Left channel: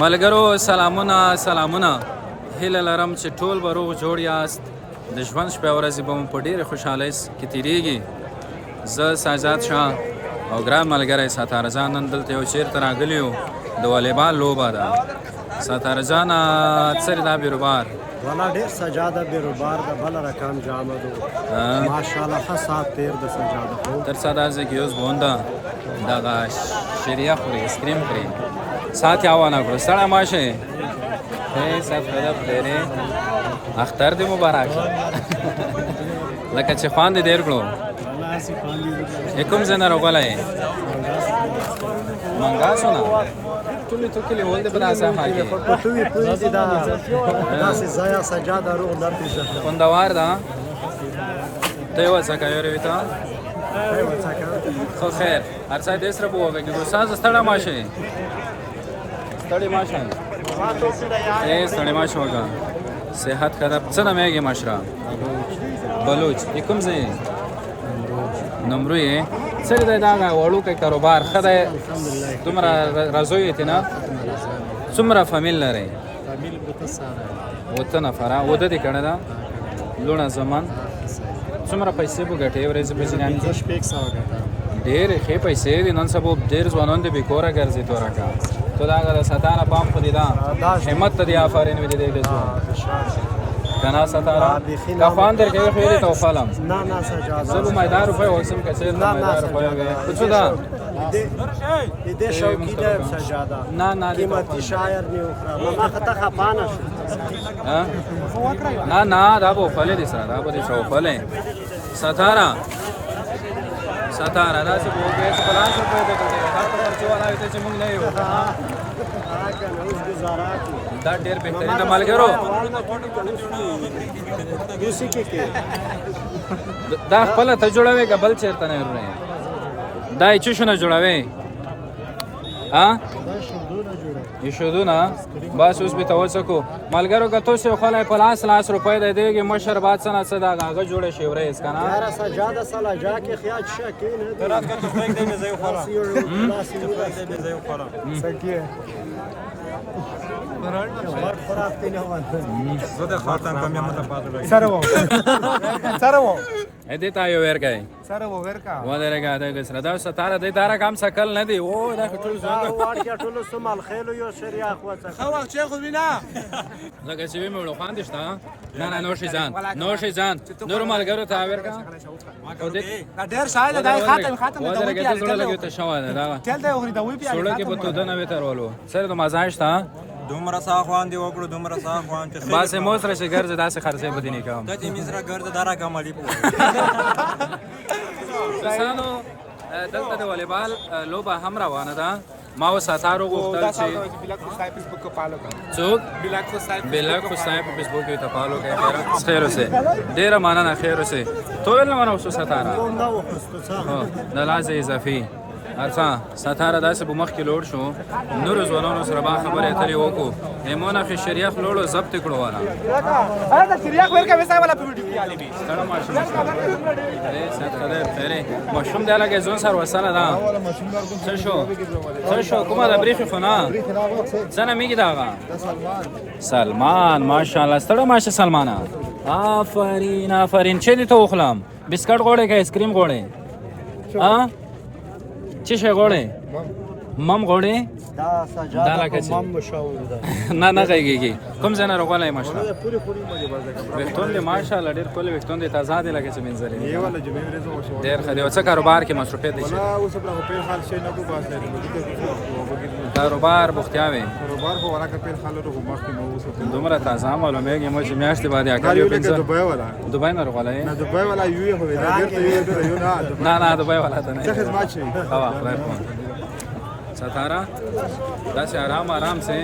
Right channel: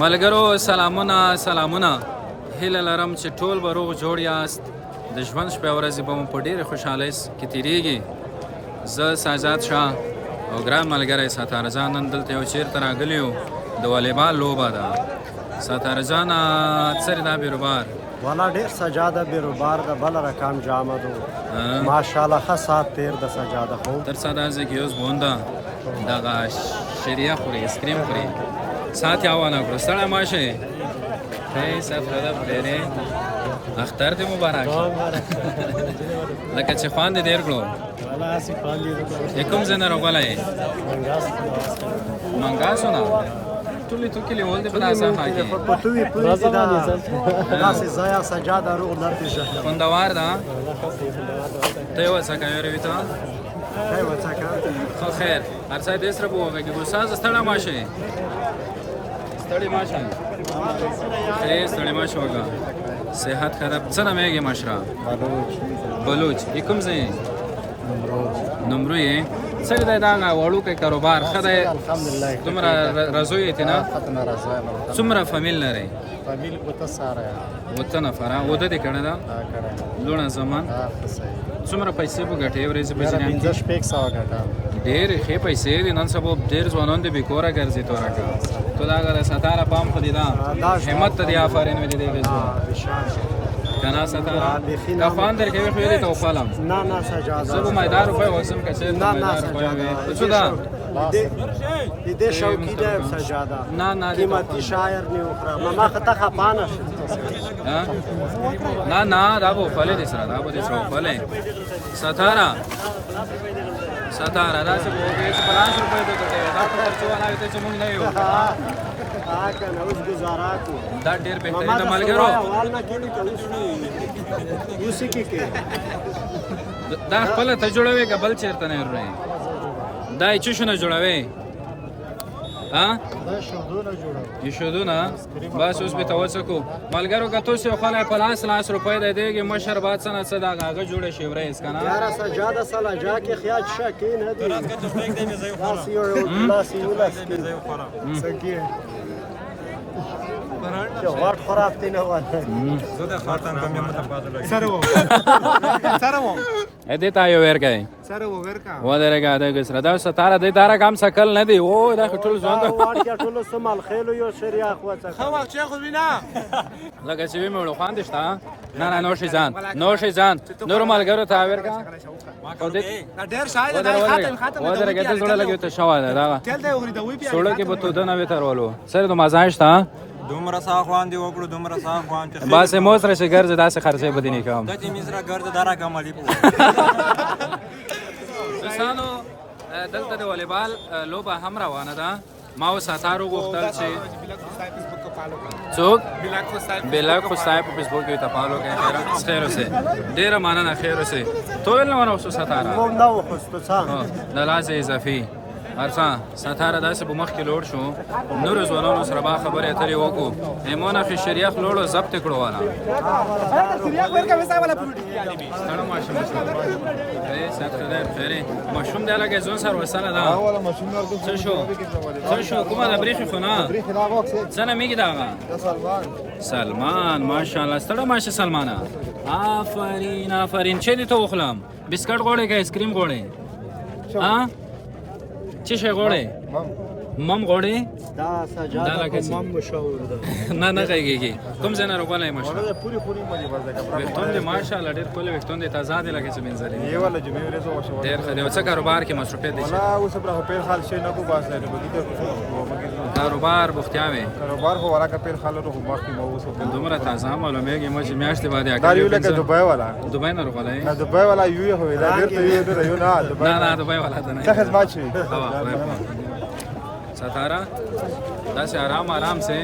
ملګرو سلامونه هیله لرم چې ټول به روغ جوړ یاست. د ژوند شپې ورځې به مو په ډېرې خوشحالۍ کې تېرېږي. زه ساجاد شاه او ګران ملګری ستاره جان نن دلته یو چېرته راغلي یو د والیبال لوبه ده. ستاره جانه څرې دا بیروبار والا ډېر سجاده بیروبار ده بله رقم جامه دو ماشاءالله ښه ساعت تېر د سجاده خو تر ساده ځای کې اوس بونده دغه شیریا خوري اسکریم خوري ساعت یې اوانه کړو ستړی مه شئ صاحب خدای خیرې اختر دې مبارک لکه چې خوان دې ډېر کړو کوم ځای نه راغلی یې منګاسو نه ټولې تو کلیوال دې په داسې خوا کې په ټوي پوهې دي دا داسې ځایه سجاده روغ نه پېژنم خوندور ده ته یې وڅکه یارې ته ته یې وڅکه خو خیر هر څه دې سره به وغږېږو سازه ستړی مه شئ ستړی مه شئ ستړی مه شئ وږه صحت خراب څه نوم یې مشره بلوچ یې کوم ځای نمرو یې څرې دی دا وړوکی کاروبار ښه دی دومره رضوی یې نه څومره فامیل لرئ اوته نفره واده دې کړې ده لوڼه زمان څومره پیسې به ګټې ورځې په جریان کې ډېرې ښې پیسې دي نن سبا ډېر ځوانان دې بېکوره ګرځي تورکه تو دا هغه د ستاره پام خو دې ده همت ته دې آفرین وي د دې جنا ستاره کفان درکوي خو یې دې ته وفالم نه سجاده زه به میدان روپۍ وکسم که چېرته میدان روپۍ وي خو څه ده دې شوقي دی سجاده نه قیمتي شاعر مې وخوره ما خطه خفانه شو نه دا به وفلې دې سره دا به دې سره وفلې ستاره داسې به وکړې چې په لاس روپۍ به ګټې دا په خرچو والا وي ته چې موږ نه یو که نه اوس ګزاره کړو دا ډېر بهترین د ملګرو اوس یې کې دا خپله ته جوړوې که بل چېرته نه ورې دا یې څه شونه جوړوې شودونه بس اوس به ته وڅکو ملګرو که تاسو یو خلی په لاس روپۍ دی دیږي مشر باد څه نه څه دا هغه جوړه شي ورېز که نه یاره سجاده سله جا کې خیال شکې نه دي زه د خاطن په میمه ته پاتې لګم سره و دې ته یو ورکوي سره و ورکا ودرېږه دغه سره دا ستاره دې تاره کم سکل نه دی او دا ټول ځوان ته ټول سمال خېلو یو شریعه خو وخت خو وینا لکه چې وی مړو خوان دشته نه نوشي ځان نور ملګرو ته ورکا او دې ډېر شاید دا خاطن دا ودرېږه دې جوړه لګي ته شوای دا تل دا وګړي دا وی پیاله سوړه کې به تو دنه وترولو سره د مزاج ته دومره ساخوان دی وکړو دومره ساخوان چې بس مو سره چې ګرځي داسې خرڅې بدې نه کوم د دې مزرا ګرځ دارا کمالي په دوستانو دلته د والیبال لوبه هم روانه ده ما و ستارو غوښتل چې څوک بلاک خو صاحب په فیسبوک کې تپالو کې خیر اوسه ډیره مننه خیر اوسه تو ول نه ونوسو ستاره د لازم اضافي ارڅه ستاره داسې په مخ کې لوړ شو نور ځوانانو سره با خبرې اترې وکړو ایمونه خې شریخ لوړو ضبط کړو والا ستړی ماشوم ماشوم دی لکه ځون سره وسنه ده څه شو کومه د بریخي خو نه څه نه میږي دغه سلمان ماشاءالله ستړی ماشه سلمانه آفرین چې دې ته وخلم بسکټ غوړې که ایسکریم غوړې چی شي غوړې مم غوړې دا سجاده مم مشاور ده نه کېږي کوم ځای نه راغلی ماشاءالله پوری مې بازه کبر وختون دې ماشاءالله ډېر ښکلي وختون دې تازه دي لکه چې منظرې یې ولا جنې ورځو مشاور ډېر ښه دی او څه کاروبار کې مصروفیت دی ولا اوس پر خپل حال شي نه کو باسه دې کاروبار بوختیاوي کاروبار خو ولا کپل حالو ته مخ کې مو اوس دومره تازه معلومیږي مو چې میاشتې بعد دا یو لکه دوبای والا دوبای نه راغلی نه دوبای والا یو هو دا ډېر یو نه دوبای والا ته نه څه خدمت شي ستاره داسې آرام سه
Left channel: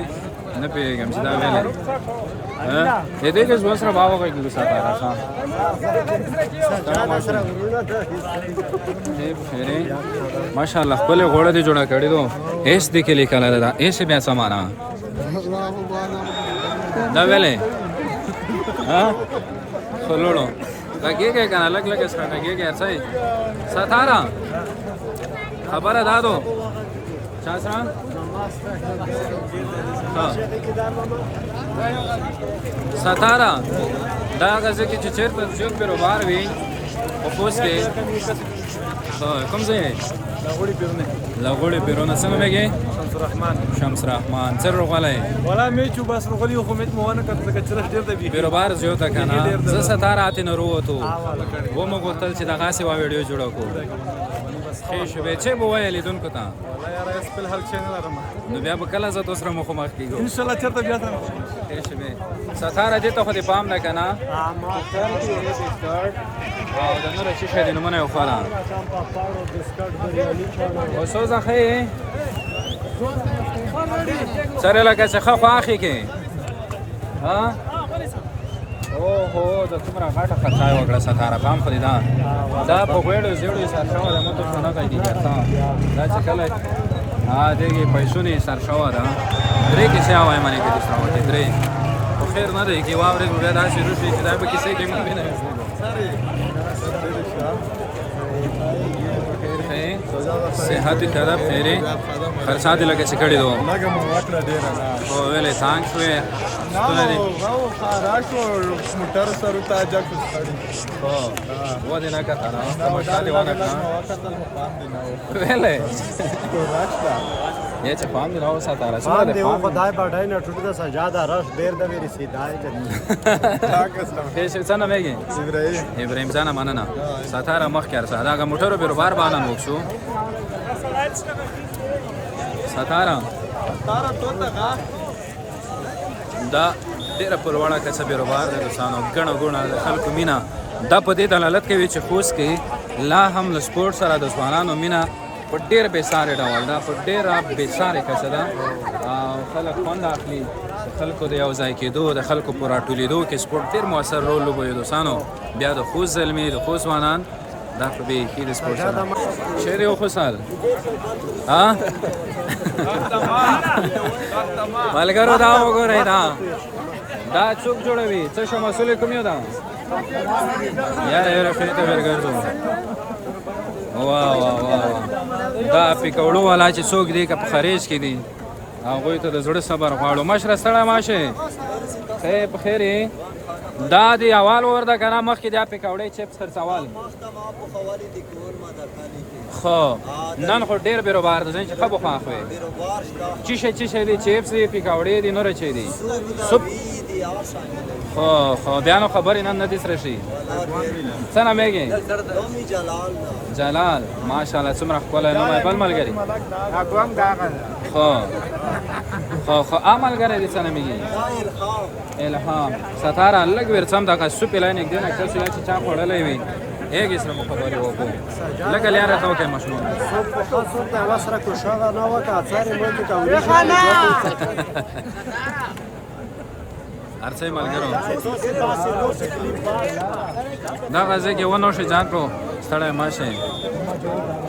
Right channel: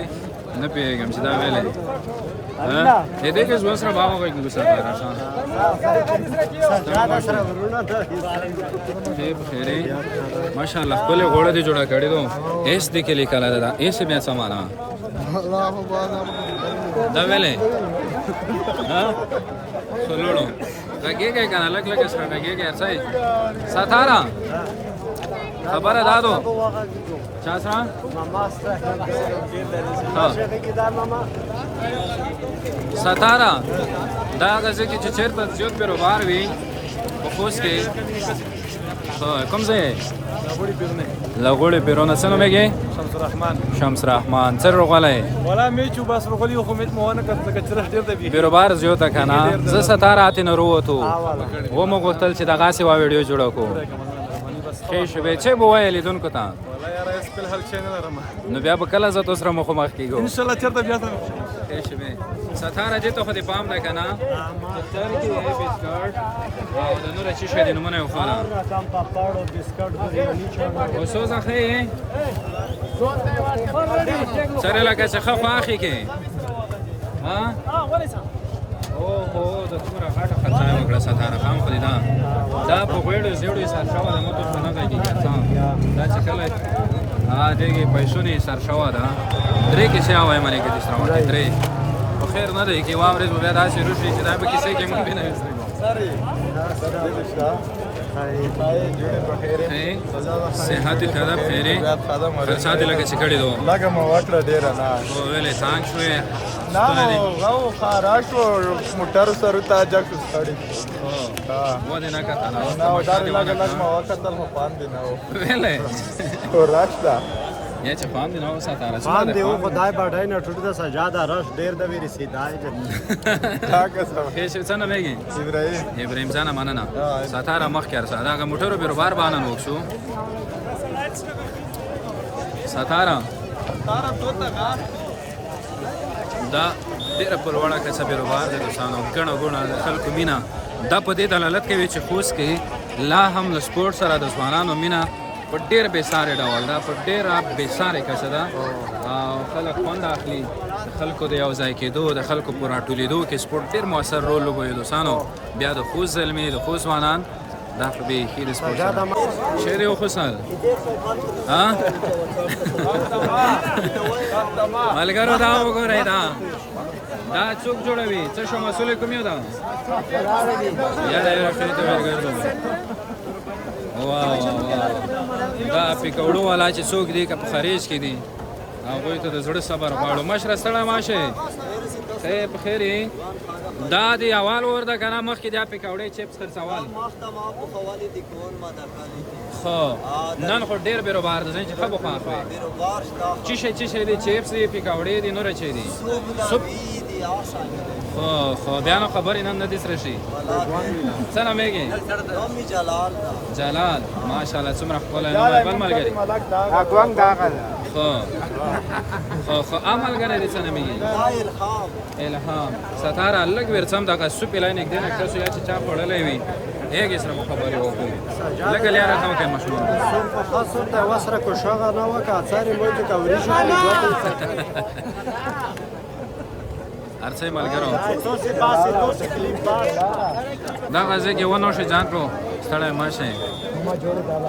نه پیږم چې دا ویلې دې کې ځوان سره باور کوي ستاره سجاده سره ورونه ده بخیرې ماشاءالله خپل غوړه دې جوړه کړې دو ایس دې کې لیکل ده ایس بیا سمانا دا ویلې خلونو کګه کنه لګ سره کګه ارڅای ستاره خبره دادو چا سره ماما سره ها ستاره دا غزه کې چې چیرته زیات بیروبار وي په خوست کې کوم ځای لغوړي پیرونه څنګه مګي شمس رحمان سر غلای ولا میچو بس رغلی خو مت مو نه کړه چې ډیر دی بیروبار زیات کنه زه ستاره اته نه وروته و مو غوښتل چې دا غاسي وا ویډیو جوړ کو خې شو به چې بو وایلی دون کو تا والله یار اس په حل چینل لرم نو بیا به کله زه تاسو سره مخ مخ کیږم ان شاء الله چرته بیا سره خې شو به ستاره دې ته خو دې پام نه کنه تر کې بسکټ او د نور شي شې نمونه یو خاله رقم پاپاړو بسکټ بریانی چاړه اوسو ځخه سره لکه څه خو اخی کې ها او هو د څومره غاټه خرڅای وکړه ستاره پام خو دا په ګوړو زیړې سر شو د مته څنګه کوي دا چې کله دغه پیسو نه سر شو دا درې کې څه وای معنی کې د سره وکړي درې خو خیر نه دی کې واورې بیا داسې روشي چې دا به کیسه کې مونږ نه وځو صحت طرف خیره خرڅات لګه چې کړي دو لګه مو وتر ډیر نه او ویلې ثانک شوې نه غو خاراشو موټر سره ته جګ ستړي هو و دې نه کته نه مشا دی ونه ما وخت تل مو پام دی نه ویلې او راشلا یا چې پام دی نو ساتاره پام دی او خدای باندې نه ټوټه سجاده رش ډیر د ویری سیدای دي هیڅ څنګه مېږي ابراهیم ځان مننه ساتاره مخ کړه دا موټرو بیروبار باندې وښو ساتاره تو ته دا ډیره پرواړه کسه بیروبار د دوستانو غنو غونه د خلکو مینا دا په دې دلالت کوي چې خوست کې لا هم له سپورت سره د ځوانانو مینا په ډیر به ساره ډول دا په ډیر به ساره کسه دا او خلک خوند اخلي خلکو د یو ځای کېدو د خلکو پر راټولیدو کې سپورت ډیر موثر رول لوبوي دوستانو بیا د خوست زلمي د خوست ځوانان دا په به کې د سپورت سره شهر یو خوشحال ها مالګرو دا وګورئ دا څوک جوړوي څه شو مسؤل کوم یو دا یاره یاره څه ته ورګردو دا پکوړو والا چې څوک دی که په خریج کې دي هغوی ته د زړه صبر غواړو مشره ستړی ماشه خیر په خیر دا دی اول ورده کنه مخکې دا پکوړې چپس خرڅول خو نن خو ډیر بیروبار دی چې خو بخوا خو چی شي دی چپس دی پکوړې دی نور چي دی سوپ خو بیا نو خبرې نن نه دي سره شي څنګه مېږي جلال ماشاءالله څومره ښکلی نوم یې بل ملګري خو ملګری دی څنګه مېږي الهام ستاره لږ ورڅم دغه سوپ یې لاندې دی نه کله چې چا خوړلی وي هغې سره مو خبرې وکړو لږه لیاره ته وکړئ ماشومان سوپ په خاص صورت وسره کوشغه نه وکړه څارې مو د کوریشي په دوه ارڅې ملګرو دا غزه کې ونه شي ځان کو ستړی ماشه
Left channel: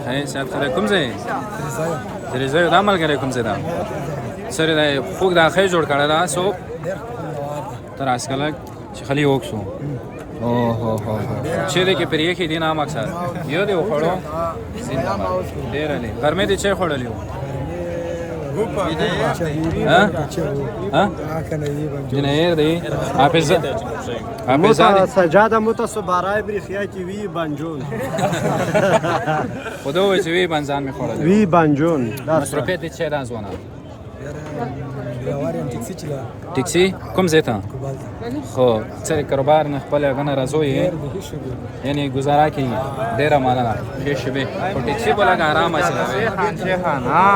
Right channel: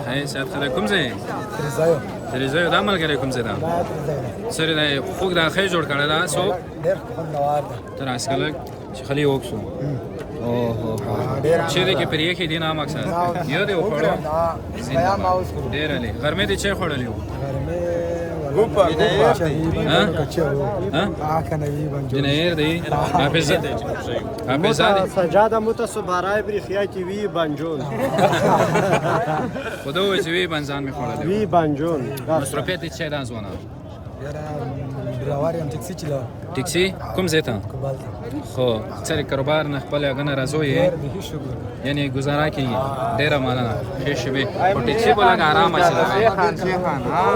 هي سات خلک کوم ځای درځي دا ملګری کوم ځای دا سره دا خوګ دا خې جوړ کړه دا سو ډیر خوندوار دی تر اسکلک خلی وښو اوه چې دې کې پرې کې دینه مقصد یو دې وخړو ډیر علي ګرمه دې چې خړلې وو جنیر دی حافظ سجاده متصبرای بریخیا کی وی بنجون خدا وی وی بنزان میخوره وی بنجون مصرفیت چه دان زونه راواریم ټیکسي چلا ټیکسي کوم ځای ته خو سره کاروبار نه خپل غنه راځوي یعنی گزاره کوي ډیره مانه ښه شوی او ټیکسي بولا آرام چلوي خان ها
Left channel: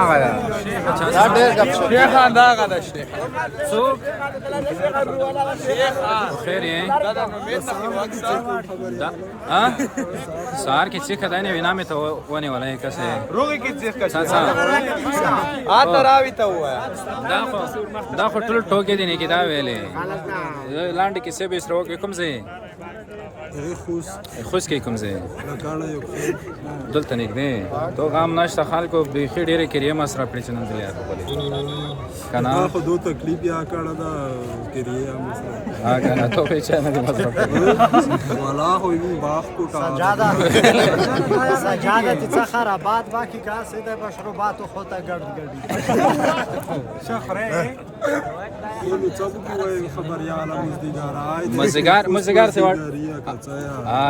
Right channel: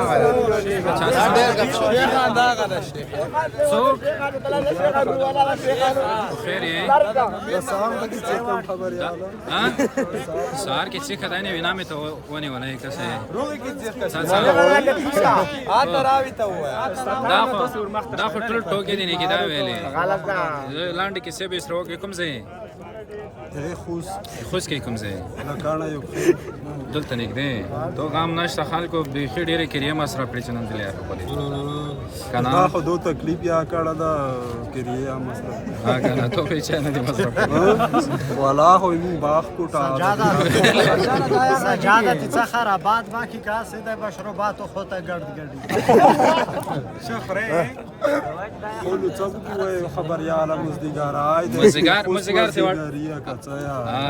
اچھا ډیر خان دا غل څوک خیر یې سلام علیکم ها سار کې څه کدانې وینا مې ته ونه ولای کسه روغی کې څه سان راوي ته و دا خو ټول ټوکې دي نه کې دا ویلې لاندې کې څه به سره وکړي کوم ځای خوست کې کوم ځای دلته نږدې تو غام نشته خلکو بیخي ډېرې کریم سره پرې چنن دي لار په کنه خو دو تکلیف یا کړه دا کړی مسره ها کنه تو به چا نه دی مصرف والا خو یو باغ کو سجاده تی خرابات باقی کا سیده مشروبات خو ته ګرد ګرد شخره ټول څه کوی خبرياله مزدګار سی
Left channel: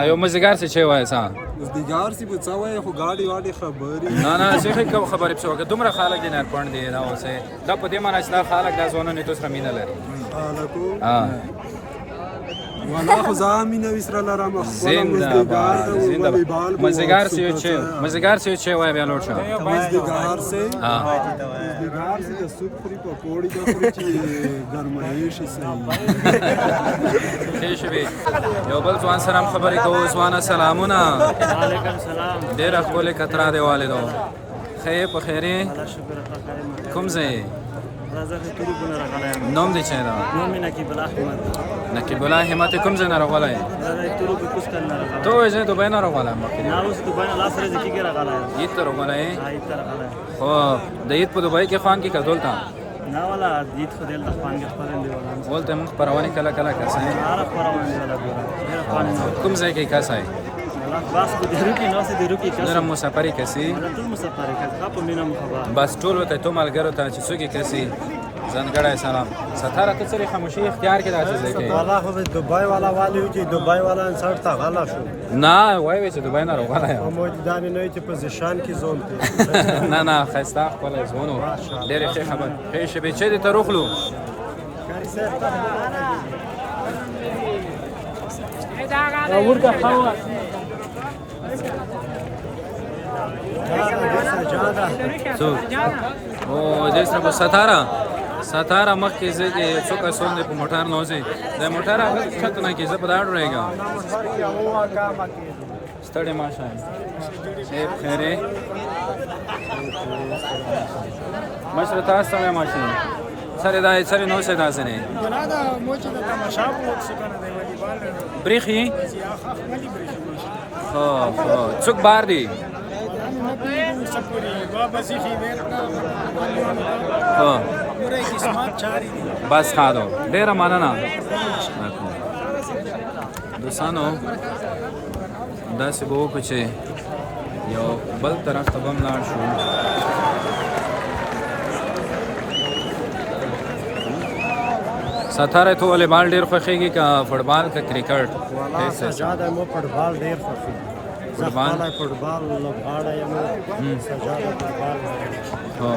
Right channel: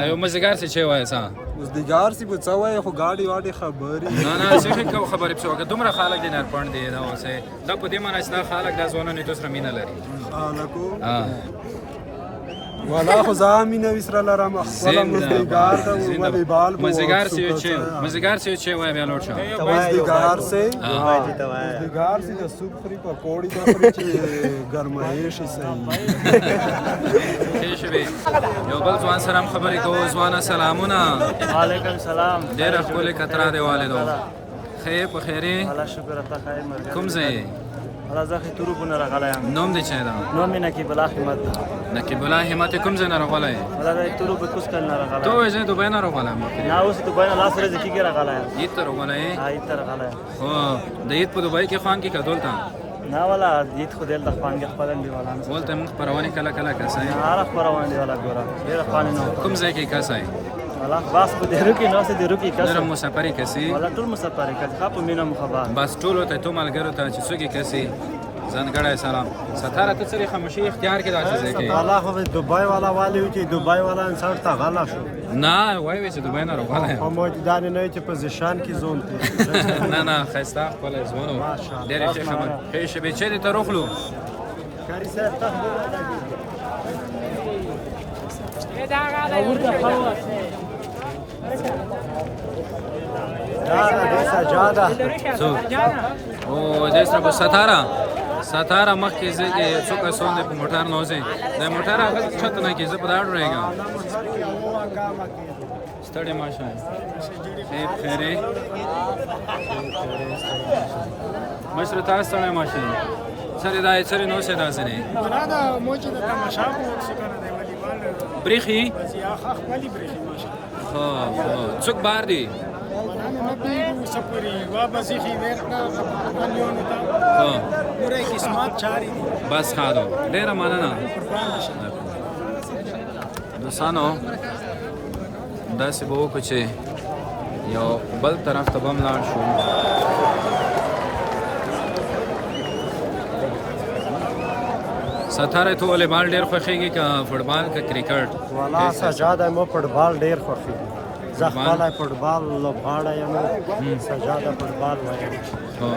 یو مزدګار سی چې وای سان مزدګار سی بچوي خو گاډي واډي خبري نه څه خبرې په څوګه دومره خلک دي نه پړن دي دا اوسه دا په دې معنی چې خلک دا زونه نه توسره مینه لري خلکو والا خو زامینه وسره لرم خپل مزدګار ته ولې بال مزدګار سی چې وای بیا لوټ شه مزدګار سی د سوپ خوري په پوړی د خوري چې ګرمایش شي شي یو بل ځوان سره خبرې کوو ځوانه سلامونه وعلیکم سلام ډېر خپل کترا دی والدو خیر په خیره الله شکر په خیر کوم ځای راځه تورو بونه راغلایم نوم دې چا دا نوم نقیب الله همت نقیب الله همت کوم ځای نه راغلای راځه تورو په کوس کنه راغلایم ته یې دوبه نه راغلای مکه نه اوس دوبه لا سره ځکه کې راغلایم دې ته راغلای دې ته راغلایم هو دې په دوبه کې خان کې کډول تا نه ولا دې خو دل د خان کې خبرن دی ولا ولته موږ پروانه کله کله کسای عارف پروانه ولا دورا ډېر خان کوم ځای کې کسای الله باس په دې کې نو څه دې روکی کس نرم مسافرې کسي ولا ټول مسافرې کس په مینه مخبر بس ټول ته ته ملګرو ته چې څوک کسي ځانګړی سلام ستاره ته سری خاموشي اختیار کې راځي کې والا خو دبي والا والی چې دبي والا انسان ته غلا شو نه وای چې دبي نه راغلی او موجودانه نه چې پوزیشن کې زون ته نه خسته خپل زونو ډېر ښه خبر ښه شي چې دې ته روخلو کاری صاحب تاسو سجاده څو او دې سره ستاره مخ کې ځکه څوک سون په موټر نوځي د موټر هغه چت نه کې زه په داړو رهګا ستړي ماشه شي خیره مشر تاسو ته ماشه سره دا سره نو سره داسره ولا دا موجه د تماشا په وخت څنګه دی والیبال بریخي یا خپل بریخي خو څوک بار دی ولا نه پیګو سپوري وا بسخي ورکا مليون تا ها نورې قسمت چاري دي بس خانو ډېر مننه دوستانو داسې به وکړو چې یو بل طرف ته به هم لاړ شو ستاره ته والیبال ډېر خوښېږي که فوټبال که کرکټ والا سجاده مو فوټبال ډېر خوښېږي زه خپله فوټبال لوبغاړی یم سجاده فوټبال وایم هو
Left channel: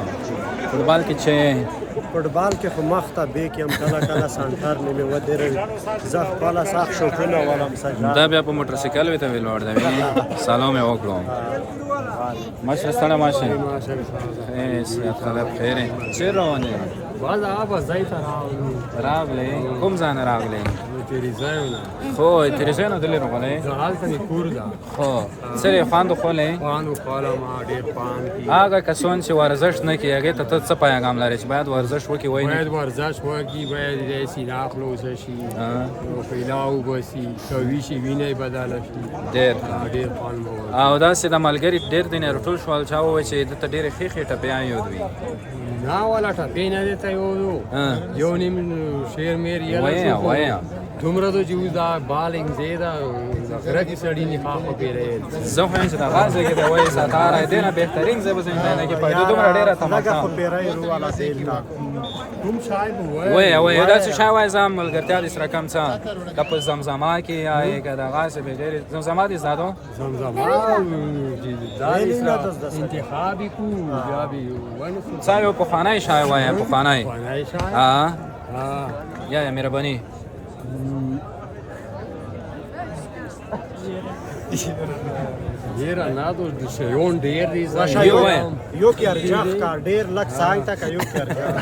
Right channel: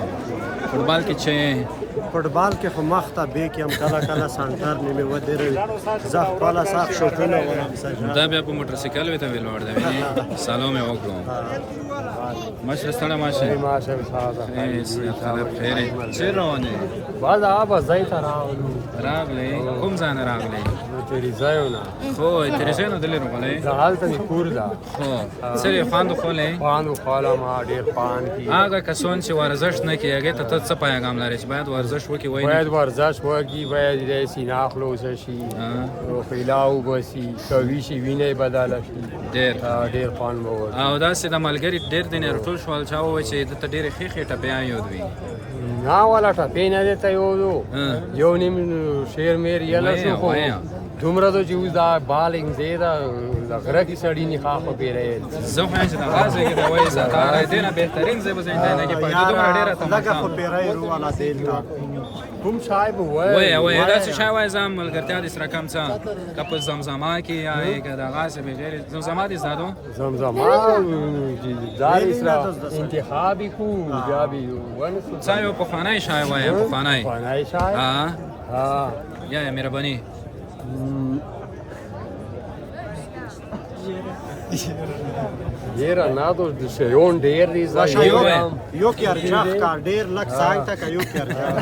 فوټبال کې چې فوټبال کې خو مخ ته بیک یم کله کله سنټر نیمې ودروي زه خپله ساق شوټونه ولم سجاده دا بیا په موټر سایکل وې ته ویل وړ دی سلام یې وکړو مشر ستړی ماشه خلک خیرې چېر روان یې باز آب ځای ته راغلی کوم ځای نه راغلی تریزایونه خو تریزای نه دلې راغلی زه هلته مې کور ده خو څه یې خواندو خولی خواندو خوله ما ډېر پان کي هغه کسان چې ورزش نه کوي هغې ته ته څه پیغام لرې چې باید ورزش وکړي وایي باید ورزش وکړي باید داسې ناخلوسه شي روغتیا وبسي قوي شي وینه یې بدله شي ډېر خوند به ولري او داسې د ملګري ډېر دی نه راټول شول چا ووایي چې دته ډېرې ښې ښې ټپیان یود وي نه والا ټپې نه دی ته یو نیم شیر میر یله شو دومره ده چې اوس دا بالنګ ځای ده د غره کې سړي نه خوا خو پیری زه خو یم چې د هغه ځای کې دی وایي ستاره دی نه بهترین ځای به زه نه کې پایدو دومره ډېره تماشا لږه خو پیری رو والا دیل ته کوم صاحب وایي داسې شی وایي زه ملګرتیا دې سره کم څه که په زمزمه کې یا که دغسې بغیر زمزمه دې زده زمزمه دا انتخابي کو بیا به څه یو پخوانی شی وایي پخوانی یا مهرباني ډېر نه دو شیون ډېر دي یو کې ارجاخ کا ډېر لک سانګ تا کا یو کې ارجاخ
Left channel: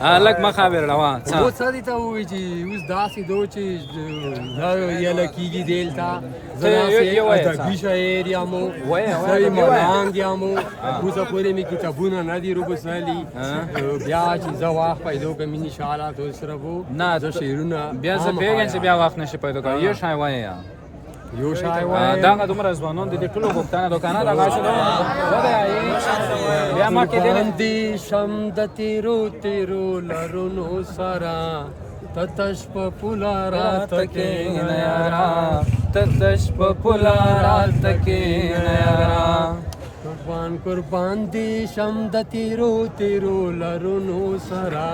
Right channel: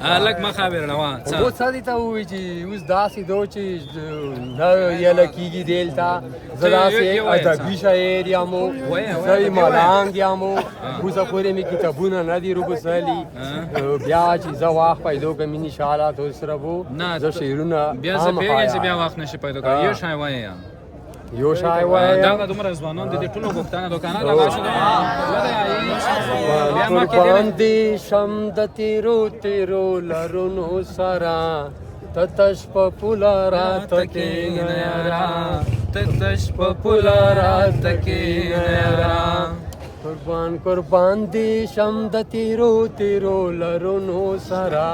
کا لک ما خبر لوا و څه دي ته وایي چې اوس داسې دو چې نه یله کېږي دلته زه ادبي شاعر یم ښه ملنګ یم اوسه پورې مې کتابونه نه دي روبسلي بیا چې زه وخت پیدا کړم انشاءالله تو سره به زه شعرونه بیا زه پوهېږم چې بیا وخت نشي پیدا کولی یو شی وایي یو شای وای دا دومره ځوانان دي د ټولو غوښتنه دوکانه دا غاښ دی ودی بیا ما کې قربان دي شم د تیرو تیرو لرونو سرا تتش په پولا رات کې نیارا تتش په پولا رات کې نیارا قربان قربان دي شم د تیرو تیرو لرونو سرا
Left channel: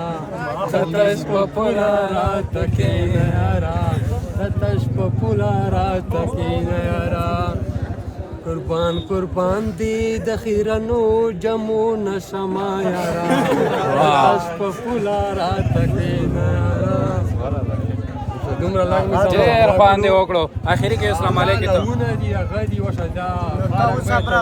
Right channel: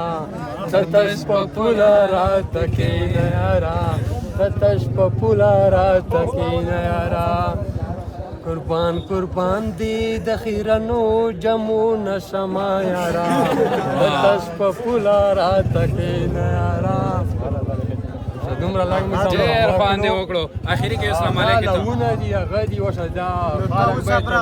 تتش په پولا رات کې نیارا تتش په پولا رات کې نیارا قربان قربان دي د خیرنو جمو نشما یارا تتش په پولا رات کې نیارا دومره لږ می ډېر باندې وکړو اخري کې اسلام علیکم لونه دي هغه دي وشجا دا اوس پر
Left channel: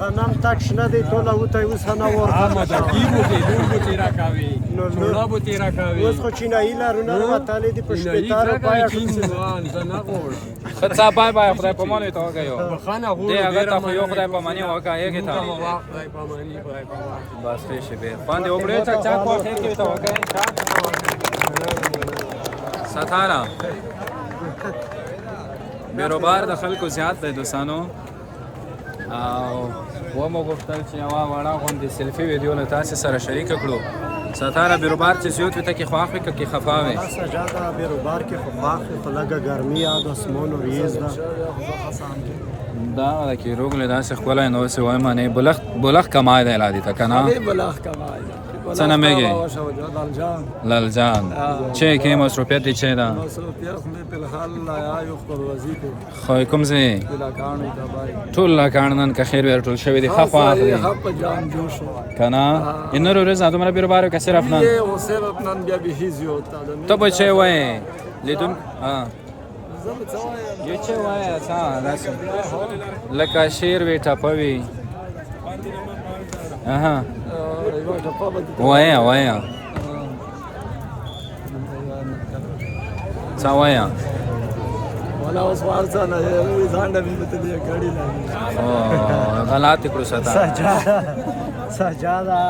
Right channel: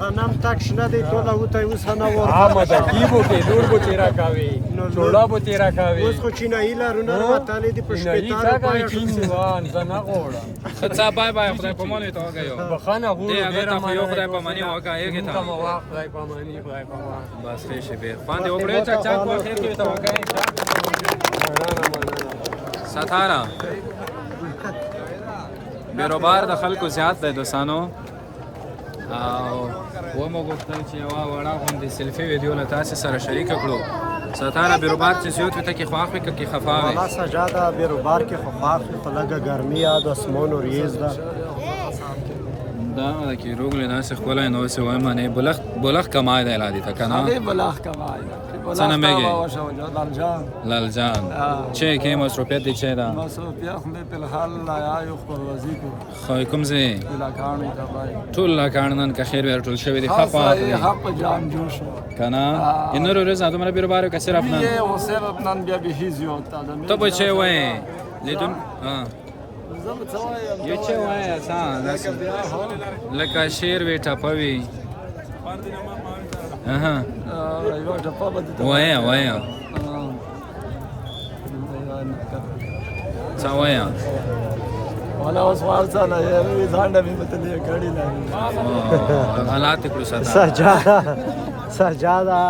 غنم تک شنه دی ټوله وته اوس نه عامه د ورته کیبو کې لور بو تیرا کاوي لوړا بو تیرا کاوي اوس خو چینایي لارونه راوتلې دي په شپېتارو پای ټول زنه غوړم خدای بای بای خدای په مونږ ته وګایو بخانه غوړو ډیر ډېر یو خدای په مانی وګایې کې کوم تا واخ خدای په مانی خدای په واخ بس ښه شي به باندې وګړې چې چا کو خیر کې ته وګایې ستاره بیروبار د خلکو زیات دی دوستانو او ومو غوښتل چې یوه وړه غوندې سیلفي ویډیو له تاسې سره شریکه کړو ستاره بیروبار چې زیات وي ته کې خواښ وي که کې خفا وي ما سجاده بیروبار کې خو پاک خو لګه ګرمي یاد اسمانو ریز ده دا کې روغله داسې ښکلی نو څه وایم نه بلخ کمای دی لادي ته که نه بلاخ کمای څه نومیږي لالجان چه کې مصروفیت دی چه ده مصروفیت خو مې فلحال آیو پروازي کو خو کوم ځای بلاکانې دا بای ټول لاکان نن که خیر ور ټول شوی دی خفا حق جان جوش که نه این رو روز دومره بیروبار که صرف نه یه و صرف نن بیا به زیات تا تو به چه وای لیدون ها زم څوایم یو چه وای اسان لکه شیر وی ټپوي اها یو ټپه به وایا وایا څه وایا ولا اوس وارسانه یې ځانډه به متلې کړي او غلط کړو ساته سجاده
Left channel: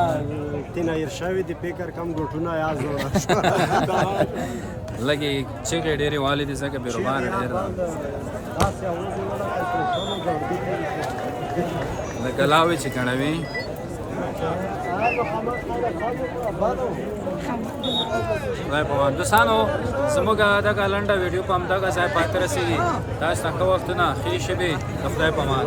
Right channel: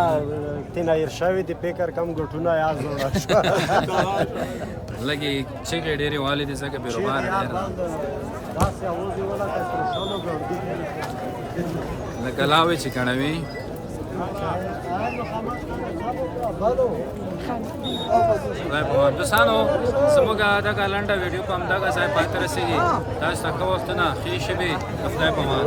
تینا ارشاوی دی فکر کم ګټونه یا زوړه لګي چې ډېری والد زکه بیروبار ډېر دا څه اوس دی ولا کای پر څلو ګړدی لکه لاوي چې کڼوي خدای په مان دوستانو زموږ دغه لنډه ویډیو په همدغه ځای پای ته رسېږي تاسو ته ښه وختونه ښې شپې د خدای په مان